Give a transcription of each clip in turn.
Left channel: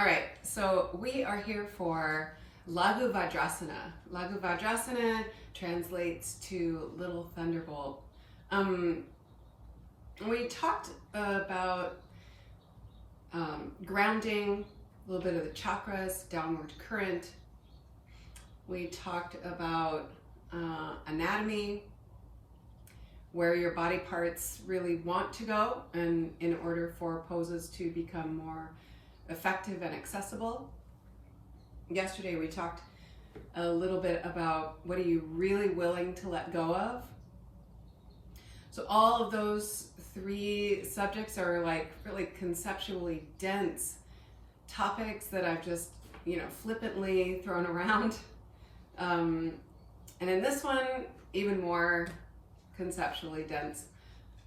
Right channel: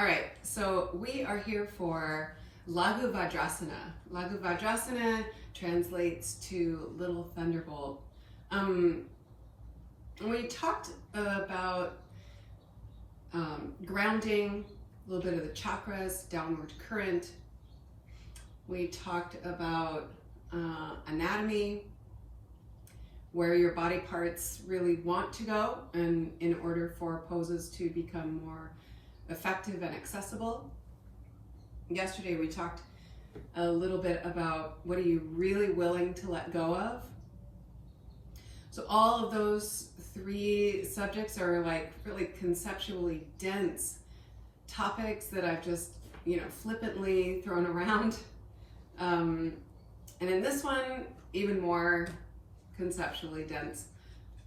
All right, so we are here for Laghu Vajrasana. Laghu Vajrasana translates to Little Thunderbolt. We talked about grounding, a little bit of the chakras, downward current. We talked about anatomy, where your body parts really want to go, and in order for poses to become more effective and accessible. Yesterday we talked a little bit about what are you really willing to let go of. So all of those three subjects are like really conceptually dense topics that I've just, flippantly thrown around. And in this one, even more conceptually dense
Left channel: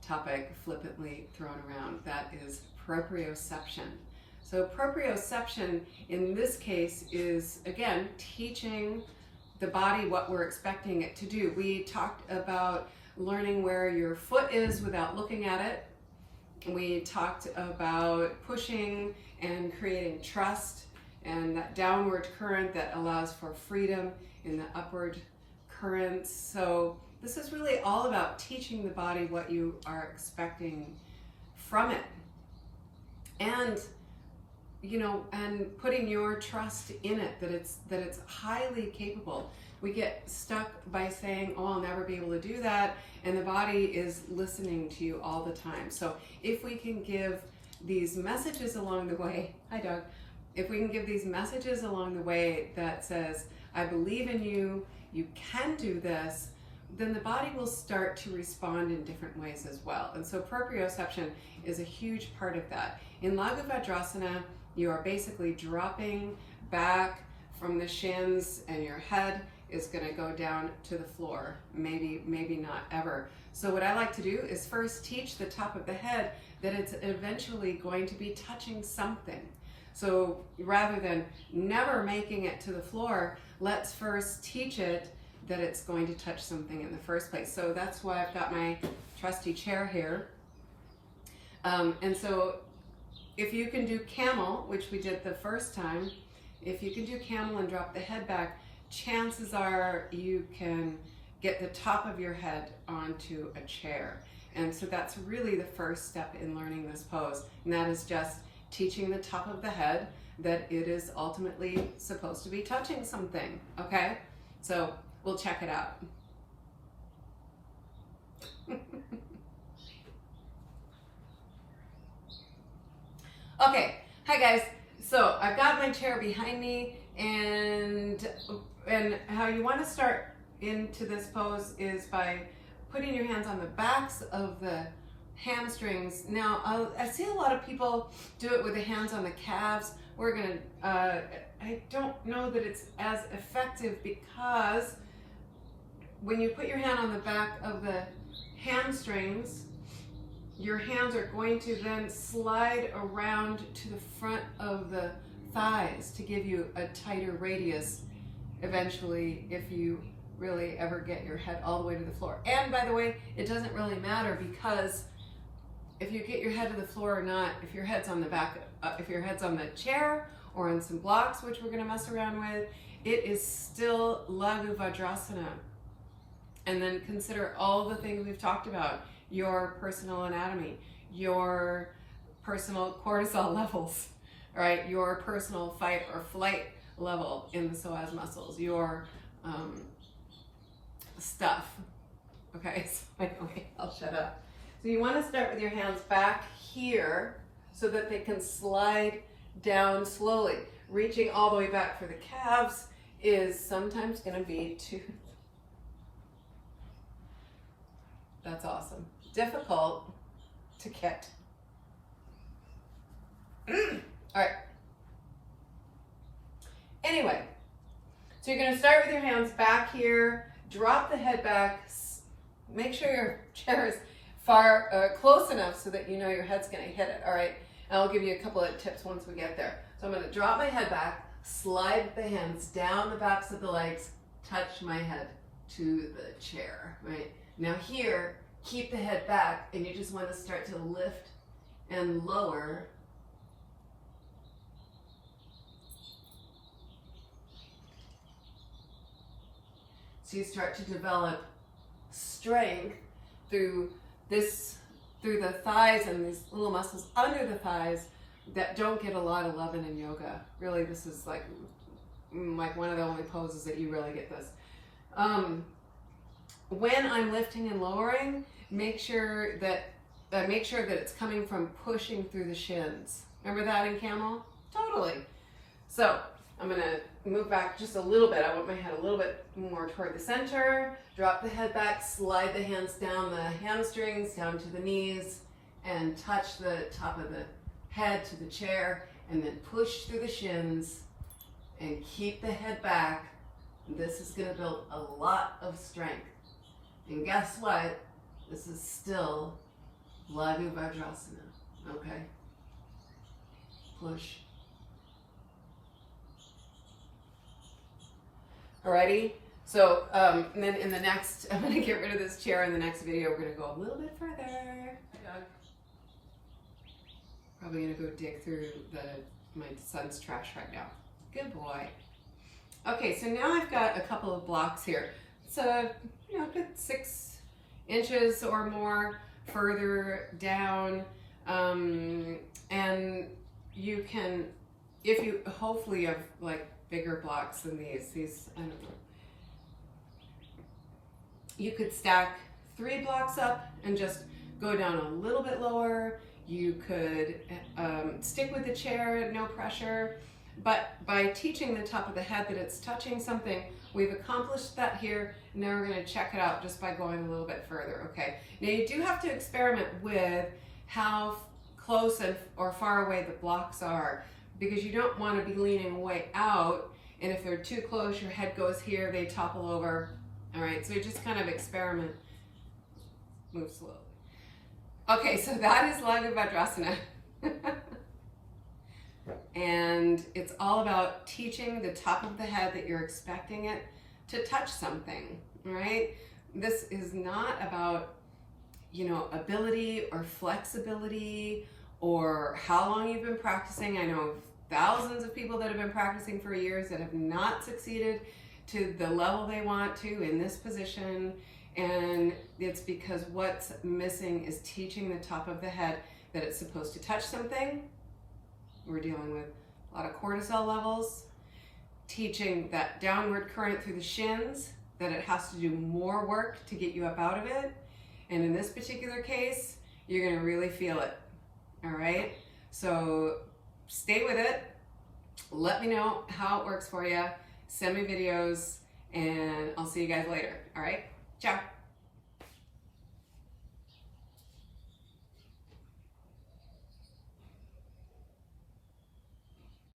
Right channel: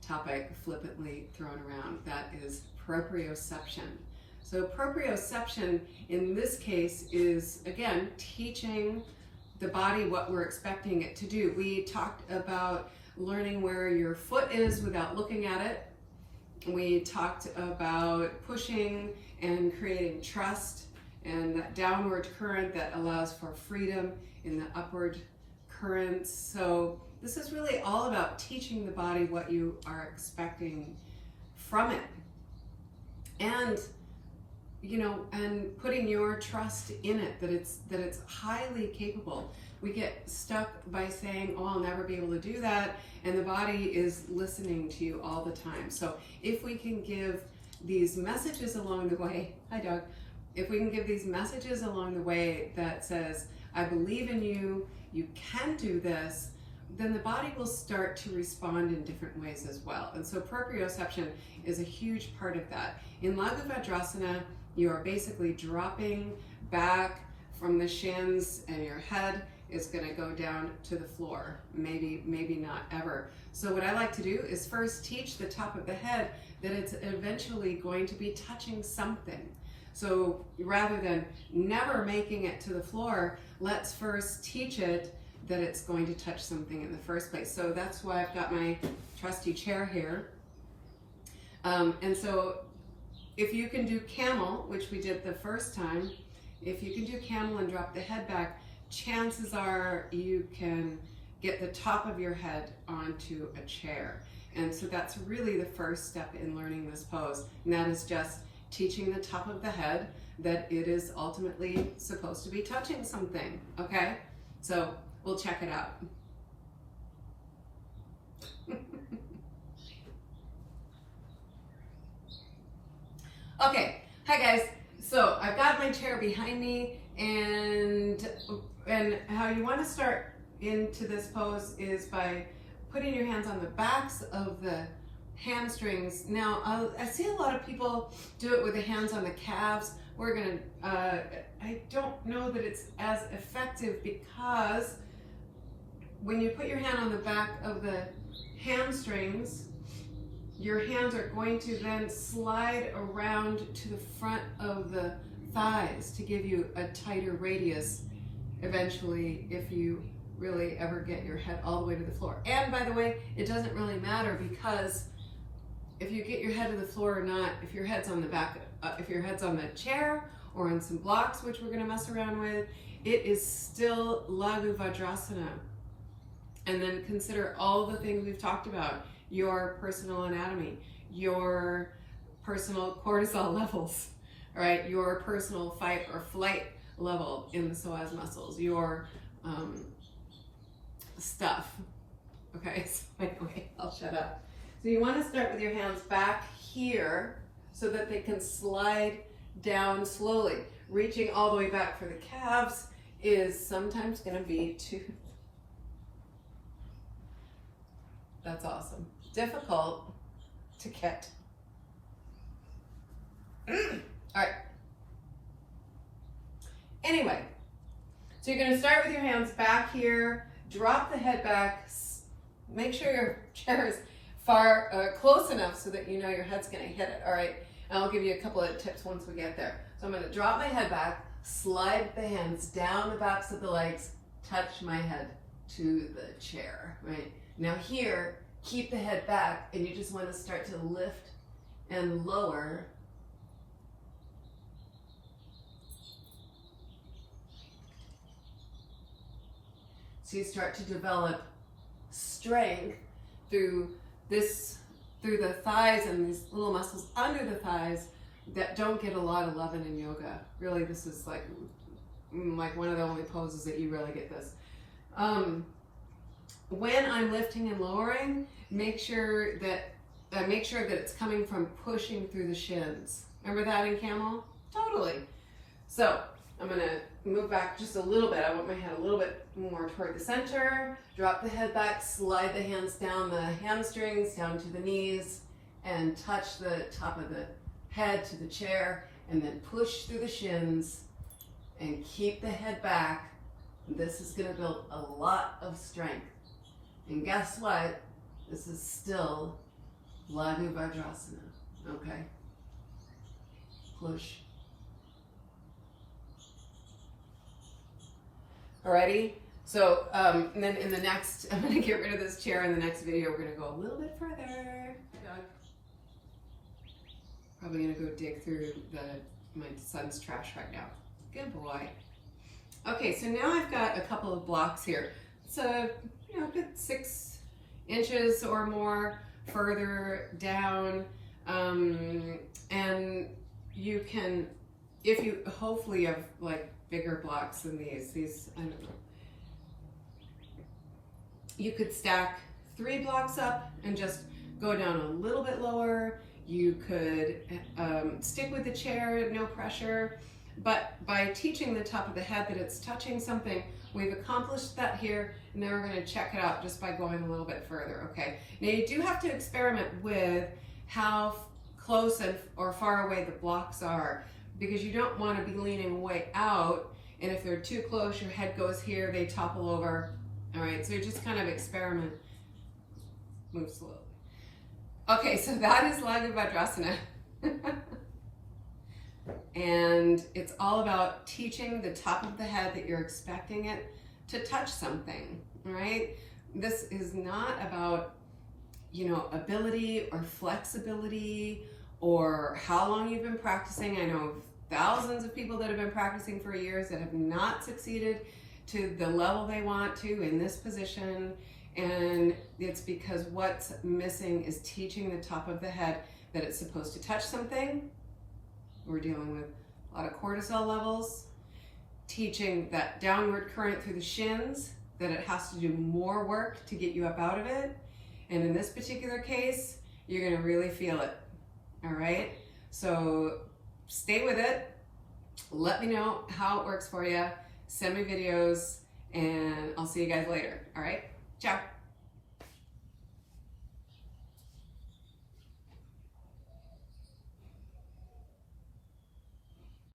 topic flippantly thrown around. That is proprioception. So proprioception in this case is, again, teaching the body what we're expecting it to do. We talked about learning where your foot is without looking at it. We talked about pushing and creating trust and that downward current that allows for freedom in the upward currents. So this is really all about teaching the body what you are expecting from it. And and putting your trust in it, that it's highly capable. We get stuck by saying, oh, I'll never be able to do that, and the body is listening to you all the time. So if we can give these messages along the way, hi Doug, if we can give these messages along the way that says, I believe in you, you can do this, then the body will start to respond in different ways as well. And so proprioception is a huge part of that. In Laghu Vajrasana, you are basically dropping back from the shins, and your head is going to go down to the floor. Maybe not ever. So what I like to do is first teach the top of the head that it's eventually going to be touching something. So rather than never making it to the floor, let's first teach it that it's going to touch something in the first place. So that's why I've got my trusty chair here. And so if you can do camel, which we did the first time, if you can do camel and drop the head back, chances are you can get the top of your head onto a chair. And so that's really the first step in learning this pose. And that is just teaching the top of the head that it is ultimately supposed to be touching something, okay? So we'll check it out. Okay, hi guys. So I've got my chair behind me, and how you want to start into this pose is by putting your hands on the backs of the hamstrings. Now, I see a lot of people do it with the hands on the calves. We're gonna, I don't know that it's as effective, because when you put your hand on the back of the hamstrings, your hands are going to then slide around to the front of the thighs to give you a tighter radius eventually, if you really ever get your head all the way to the floor. And by the way, it doesn't really matter, because if you get your head to the floor or not, if your head's on the back, if your head's on the chair or on some blocks, which we're gonna mess around with, it is still Laghu Vajrasana. And then consider all the things we've talked about: your personal anatomy, your personal cortisol levels, all right, your personal fight or flight level in the psoas muscles, your stuff. Okay, so anyway, I'll shut up. So you want to start with your hands back here so that they can slide down slowly. Reaching all the way back for the calves is sometimes going to be too... That's awesome. Difficult to get. All right. Anyway, so you're going to start with your hands back here, drop the head back, make sure your chair is close enough so that you know your head's going to hit it. All right, and I'll give you a couple of tips once we get there. So I'm going to drop my head back, slide the hands down the backs of the legs, touch my head to the chair, right? Now here, keep the head back, and you just want to start to lift and lower So you start to develop strength through the thighs and these little muscles under the thighs that don't get a lot of love in yoga. Really, this is like one of the only poses that you really get this. When I'm lifting and lowering, make sure that it's coming from pushing through the shins. Remember that in camel? Totally. So I'm gonna move back just a little bit. I want my head a little bit more toward the center. Drop the head back, slide the hands down the hamstrings, down to the knees, and touch the top of the head to the chair, and then push through the shins and keep the head back. This is gonna build a lot of strength. And guess what? This is still Laghu Vajrasana, okay? Push. Alrighty, so and then in the next, I'm gonna get rid of this chair. In the next video, we're gonna go a little bit further. Doug. Probably gonna go dig through my son's trash right now. Good boy. Okay, so now I've got a couple of blocks here. It's a good 6 inches or more further down, and you can, if you hopefully have like bigger blocks than these, I don't know. You could stack 3 blocks up and just go down a little bit lower. You could stick with the chair, no pressure. But by teaching the top of the head that it's touching something, we've accomplished that here. And now we're going to check it out just by going a little bit further, okay? Now you do have to experiment with how close or far away the blocks are, because you don't want to be leaning way out, and if they're too close, your head goes here, they topple over. All right, so you just kind of experiment. Move slowly. Okay, so that is Laghu Vajrasana. And it's all about teaching the top of the head that you're expecting it to touch something, right? This is not about, ability or flexibility or how long you've been practicing. I know thousands of people that have been practicing for years that have not succeeded to the level they want to in this position. And it's because what's missing is teaching the top of the head that it's supposed to touch something. We're dealing with a lot of cortisol levels. Teaching that downward current through the shins, that it has to do more work to get you up out of it. And in this particular case, you're gonna really feel it, all right? So stay with it. Let me know how it works for you. Send me videos, and I'll see you guys later, all right? Ciao.